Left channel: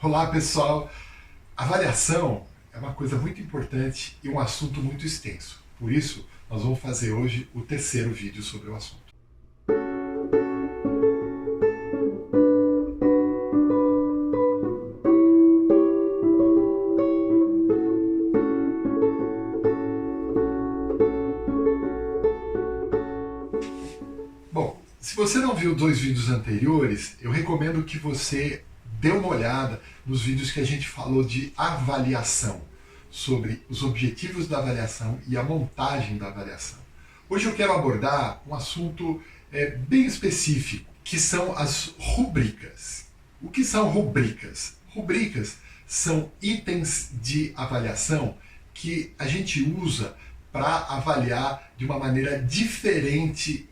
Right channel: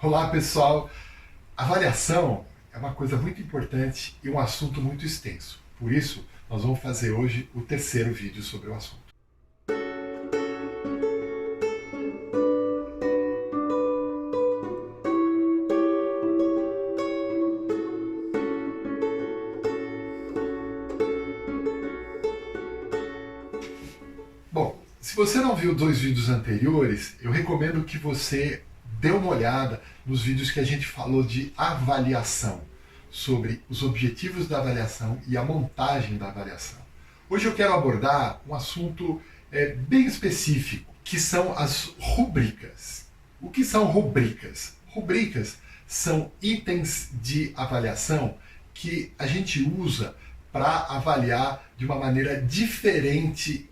Olá pessoal, avaliação é uma coisa muito importante e um assunto muito extenso. Por isso, nós vamos fazer hoje o terceiro vídeo sobre o assunto. Bom, se você não viu dois vídeos anteriores, eu recomendo que você dê uma olhada nos vídeos que a gente falou de avaliação, sobre os objetivos da avaliação e a montagem da avaliação. Hoje eu quero abordar um assunto bem específico, que são as rubricas. O que são rubricas? Rubricas são itens de avaliação que a gente usa para avaliar de uma maneira diferente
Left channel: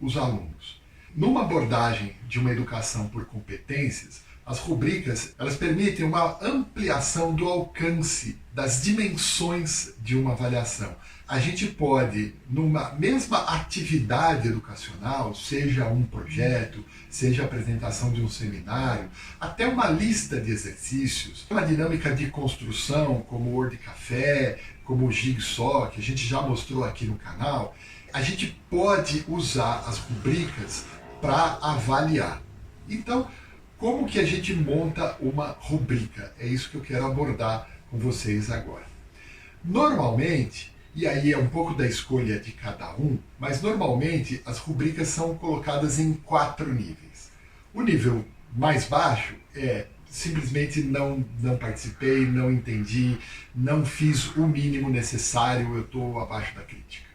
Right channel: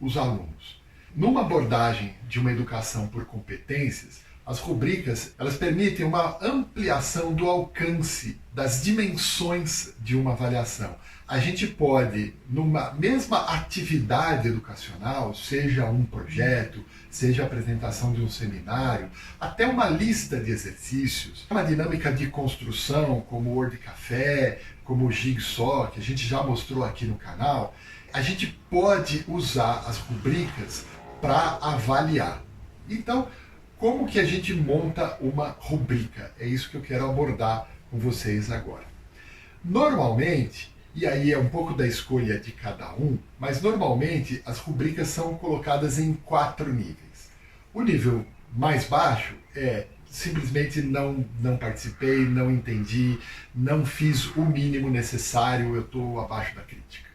os alunos. Numa abordagem de uma educação por competências, as rubricas elas permitem uma ampliação do alcance das dimensões de uma avaliação. A gente pode, numa mesma atividade educacional, seja um projeto, seja a apresentação de um seminário, até uma lista de exercícios, uma dinâmica de construção, como o Word Café, como o Jigsaw, que a gente já mostrou aqui no canal, a gente pode usar as rubricas para avaliar. Então, como que a gente monta uma rubrica? É isso que eu quero abordar com vocês agora. Normalmente, e aí é um pouco da escolha de cada um, mas normalmente as rubricas são colocadas em 4 níveis. O nível mais baixo é simplesmente não participei, não entendi, não fiz o mínimo necessário, eu estou abaixo da crítica.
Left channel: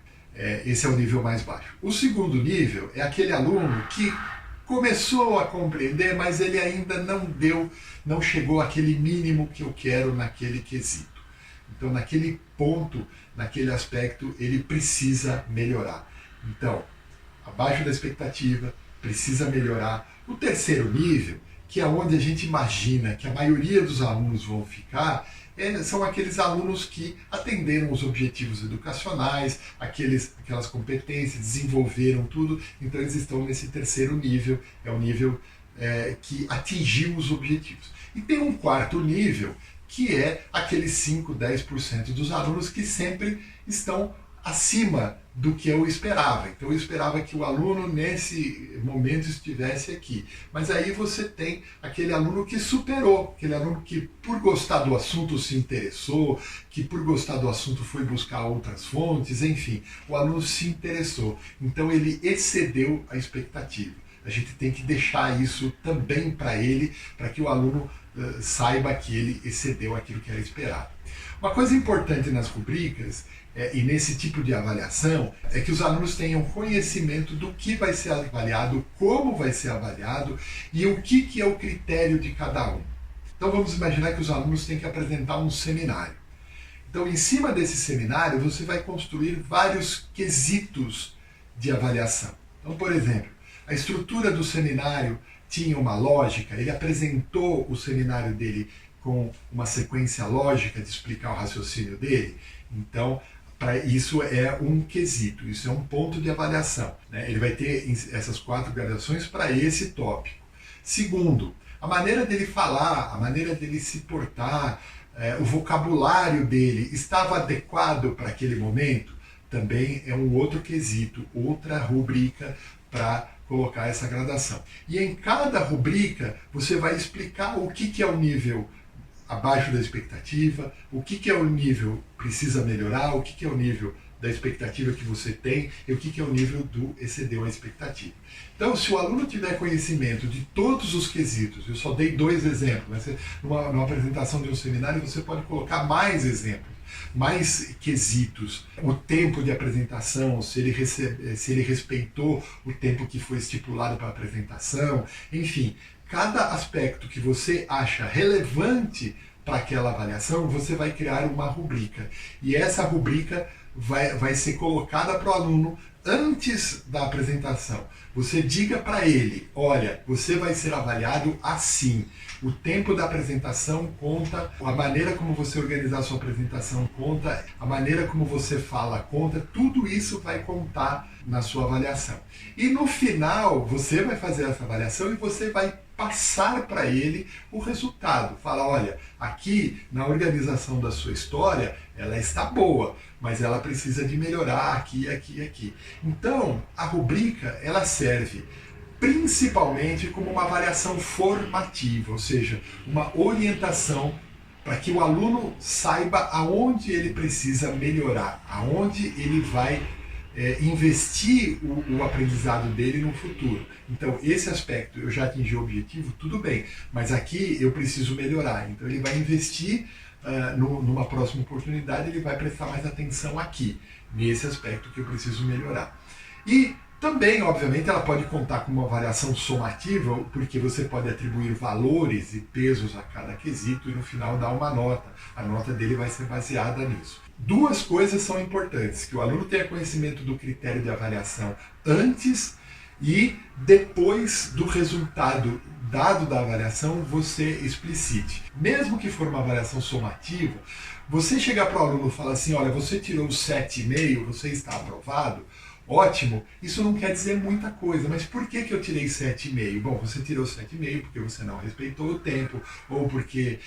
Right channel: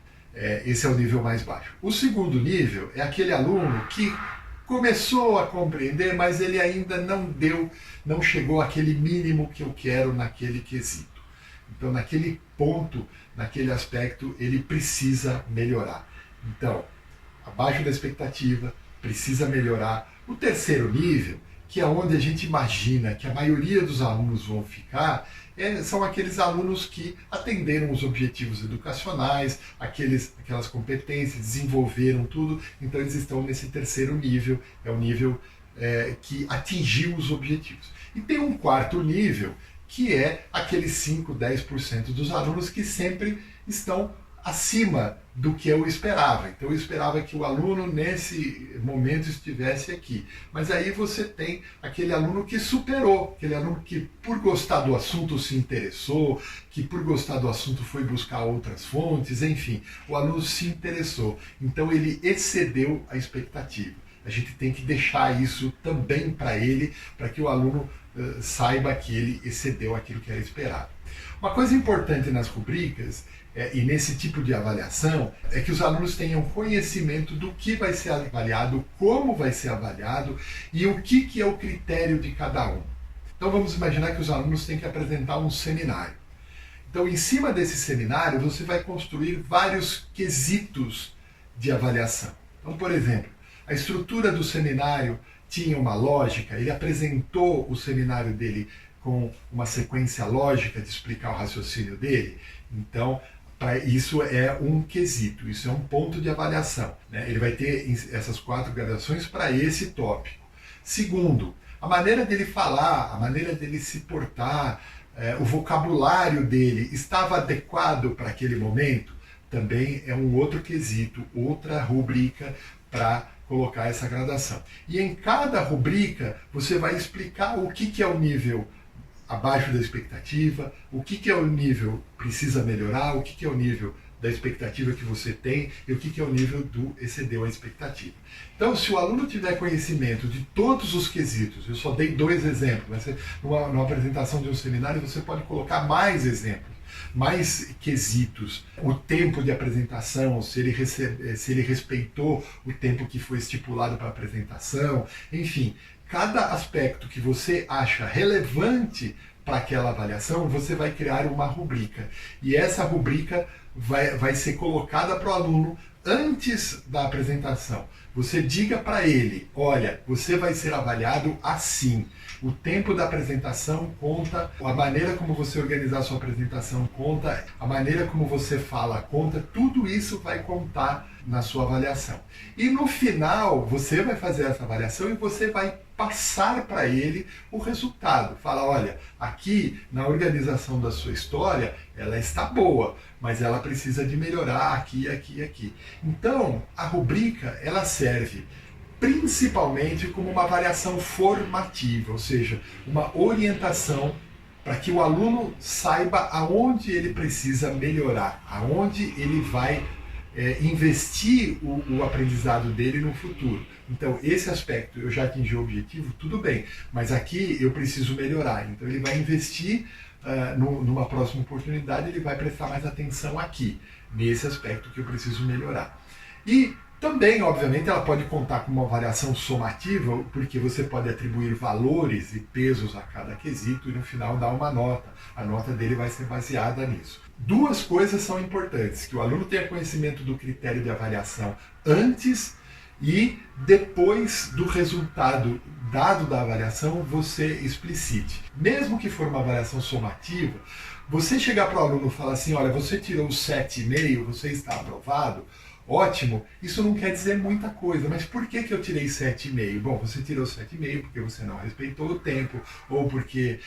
Esse é o nível mais baixo. O segundo nível é aquele aluno que começou a compreender, mas ele ainda não chegou àquele mínimo que eu quero naquele quesito. Então, naquele ponto, naquele aspecto, ele precisa melhorar. Então, abaixo da expectativa, precisa melhorar. O terceiro nível, que é onde a gente imagina que a maioria dos alunos vão ficar, são aqueles alunos que atenderam os objetivos educacionais, aquelas competências, desenvolveram tudo, então eles estão nesse terceiro nível, é o nível que atingiu os objetivos. E tem um quarto nível, que é aqueles 5, 10% dos alunos que sempre estão acima do que eu esperava. Então eu esperava que o aluno nesse momento estivesse aqui. Mas aí você tem aquele aluno que superou, aquele aluno que por gostar do assunto se interessou, que por gostar do assunto foi buscar outras fontes, enfim, o aluno se interessou. Então ele excedeu a expectativa. A gente tem que deixar isso também para ele, para que o aluno saiba que ele excedeu aquilo que era esperado. Uma coisa importante nas rubricas e nesse tipo de avaliação é que os alunos tenham conhecimento do que vai ser avaliado, como vai ser avaliado e o que é o critério de cada um. Então vamos imaginar que os alunos têm que apresentar um seminário. Então em cima desse seminário você vai construir vários quesitos de avaliação. Então, por exemplo, a estrutura do seminário tinha uma lógica, ele apresentou o seminário dele com uma sequência lógica de explicar o raciocínio dele. Então, isso é um quesito, isso é um ponto de avaliação, né? Ele vai ter essas 4 gradações para esse tópico. Segundo, a maneira dele falar, a maneira dele se portar, o vocabulário dele estava adequado para aquele momento, também é um outro quesito, outra rubrica para colocar essa gradação. E em cada rubrica você vai explicar o que é o nível abaixo da expectativa, o que é o nível precisa melhorar, o que é o nível da expectativa que você tem e o que é o nível do excedeu a expectativa. Então, se o aluno tiver conhecimento de todos os quesitos, eu só dei 2 exemplos, mas numa apresentação de um seminário você pode colocar mais exemplos, mais quesitos, o tempo de apresentação, se ele respeitou o tempo que foi estipulado para a apresentação, enfim, cada aspecto que você acha relevante para aquela avaliação, você vai criar uma rubrica. E essa rubrica vai ser colocada para o aluno antes da apresentação. Você diga para ele, olha, você vai ser avaliado assim. O tempo da apresentação conta, a maneira como você organizar a sua apresentação conta, a maneira como você fala conta, tudo isso vai contar na sua avaliação. E no final, você vai fazer essa avaliação e você vai passar para ele o resultado. Fala, olha, aqui na organização da sua história, ela está boa, mas ela precisa de melhorar aqui, aqui e aqui. Então, a rubrica, ela serve principalmente como uma avaliação formativa, ou seja, uma orientação para que o aluno saiba aonde ele precisa melhorar, aonde ele vai investir o aprendizado dele no futuro. Então, esse aspecto, eu já atingi o objetivo, tudo bem, mas aqui eu preciso melhorar. Então, ele vai investir numa próxima oportunidade, ele vai prestar mais atenção aqui, nesse aspecto que eu preciso melhorar. E também, obviamente, ela pode contar com uma avaliação somativa, porque você pode atribuir valores e pesos a cada quesito e no final dar uma nota. A nota dele vai ser baseada nisso. Duas coisas são importantes, que o aluno tenha conhecimento do critério de avaliação antes e depois do resultado dado da avaliação, você explicite. Mesmo que for uma avaliação somativa, você chegar para o aluno e falar assim, olha, você tirou 7,5, você está aprovado, ótimo, isso não quer dizer muita coisa, mas por que eu tirei 7,5? Bom, você tirou 7,5 porque você não respeitou o tempo, ou porque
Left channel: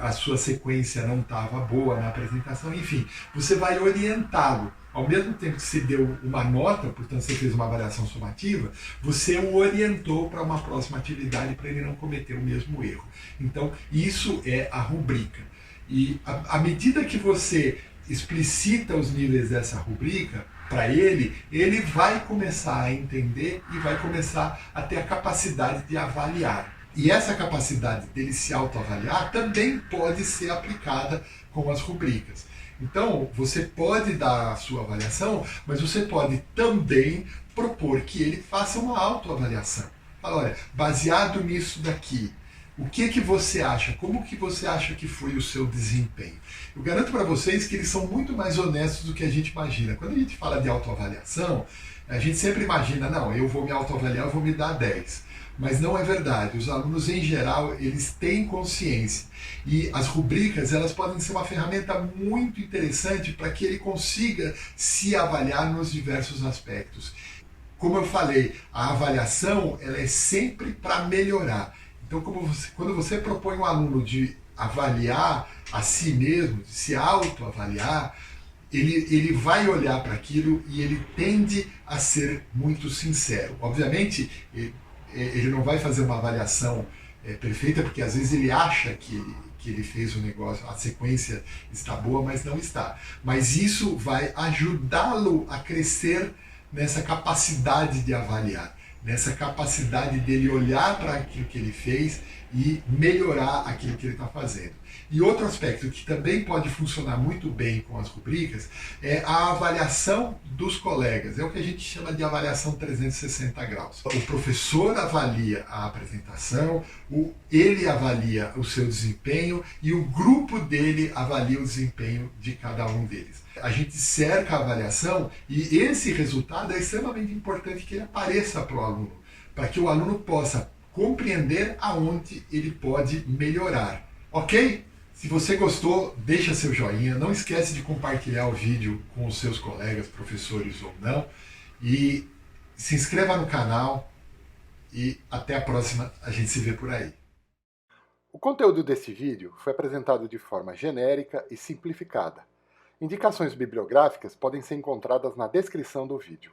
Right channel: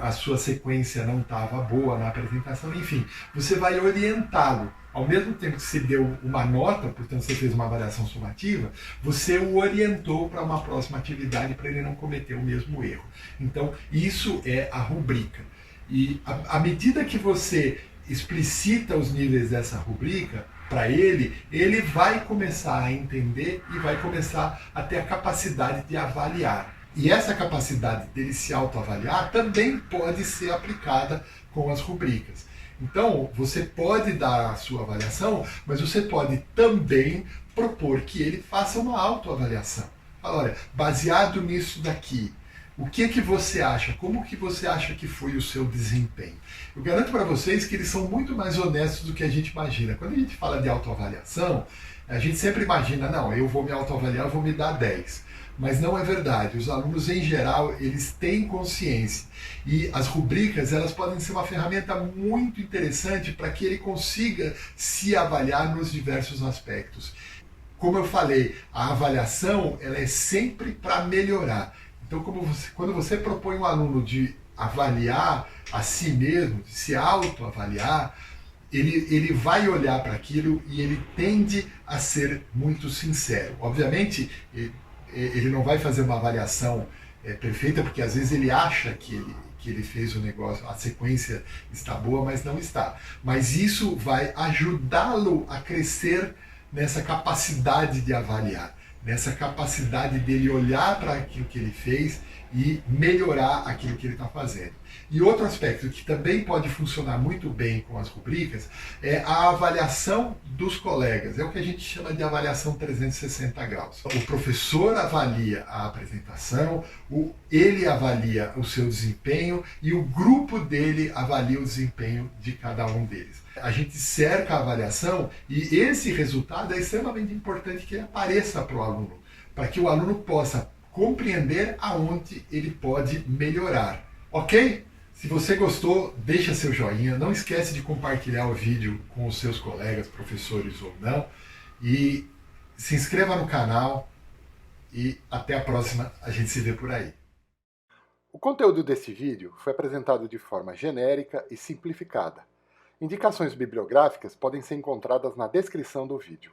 a sua sequência não estava boa na apresentação, enfim, você vai orientá-lo. Ao mesmo tempo que você deu uma nota, portanto você fez uma avaliação somativa, você o orientou para uma próxima atividade para ele não cometer o mesmo erro. Então, isso é a rubrica. E à medida que você explicita os níveis dessa rubrica, para ele vai começar a entender e vai começar a ter a capacidade de avaliar. E essa capacidade dele se autoavaliar também pode ser aplicada com as rubricas. Então, você pode dar a sua avaliação, mas você pode também propor que ele faça uma autoavaliação. Fala, olha, baseado nisso daqui, o que você acha? Como que você acha que foi o seu desempenho? Eu garanto para vocês que eles são muito mais honestos do que a gente imagina. Quando a gente fala de autoavaliação, a gente sempre imagina, não, eu vou me autoavaliar, eu vou me dar 10. Mas não é verdade. Os alunos, em geral, eles têm consciência. E as rubricas, elas podem ser uma ferramenta muito interessante para que ele consiga se avaliar nos diversos aspectos. Como eu falei, a avaliação ela é sempre para melhorar. Então, quando você propõe um aluno de avaliar a si mesmo, de se autoavaliar, ele vai olhar para aquilo e ele tende a ser muito sincero. Obviamente, ele não vai fazer uma avaliação perfeita, porque às vezes ele acha que ele fez o negócio, a sequência está boa, mas não está. Mas isso vai ajudá-lo a crescer nessa capacidade de avaliar, nessa capacidade dele olhar para aquilo que ele fez e melhorar aquilo que ele está fazendo. E outro aspecto que também pode funcionar muito bem com as rubricas é a avaliação dos colegas. É o que a gente chama de avaliação 360 graus. O professor avalia a apresentação, ele avalia o seu desempenho e o grupo dele avalia o desempenho de cada um deles. A gente cerca a avaliação e esse resultado é extremamente importante que ele apareça para o aluno, para que o aluno possa compreender aonde ele pode melhorar. Ok? Se você gostou, deixa seu joinha, não esquece de compartilhar o vídeo com os seus colegas, professores ou não, e se inscreva no canal e até a próxima, a gente se vê por aí. O conteúdo desse vídeo foi apresentado de forma genérica e simplificada. Indicações bibliográficas podem ser encontradas na descrição do vídeo.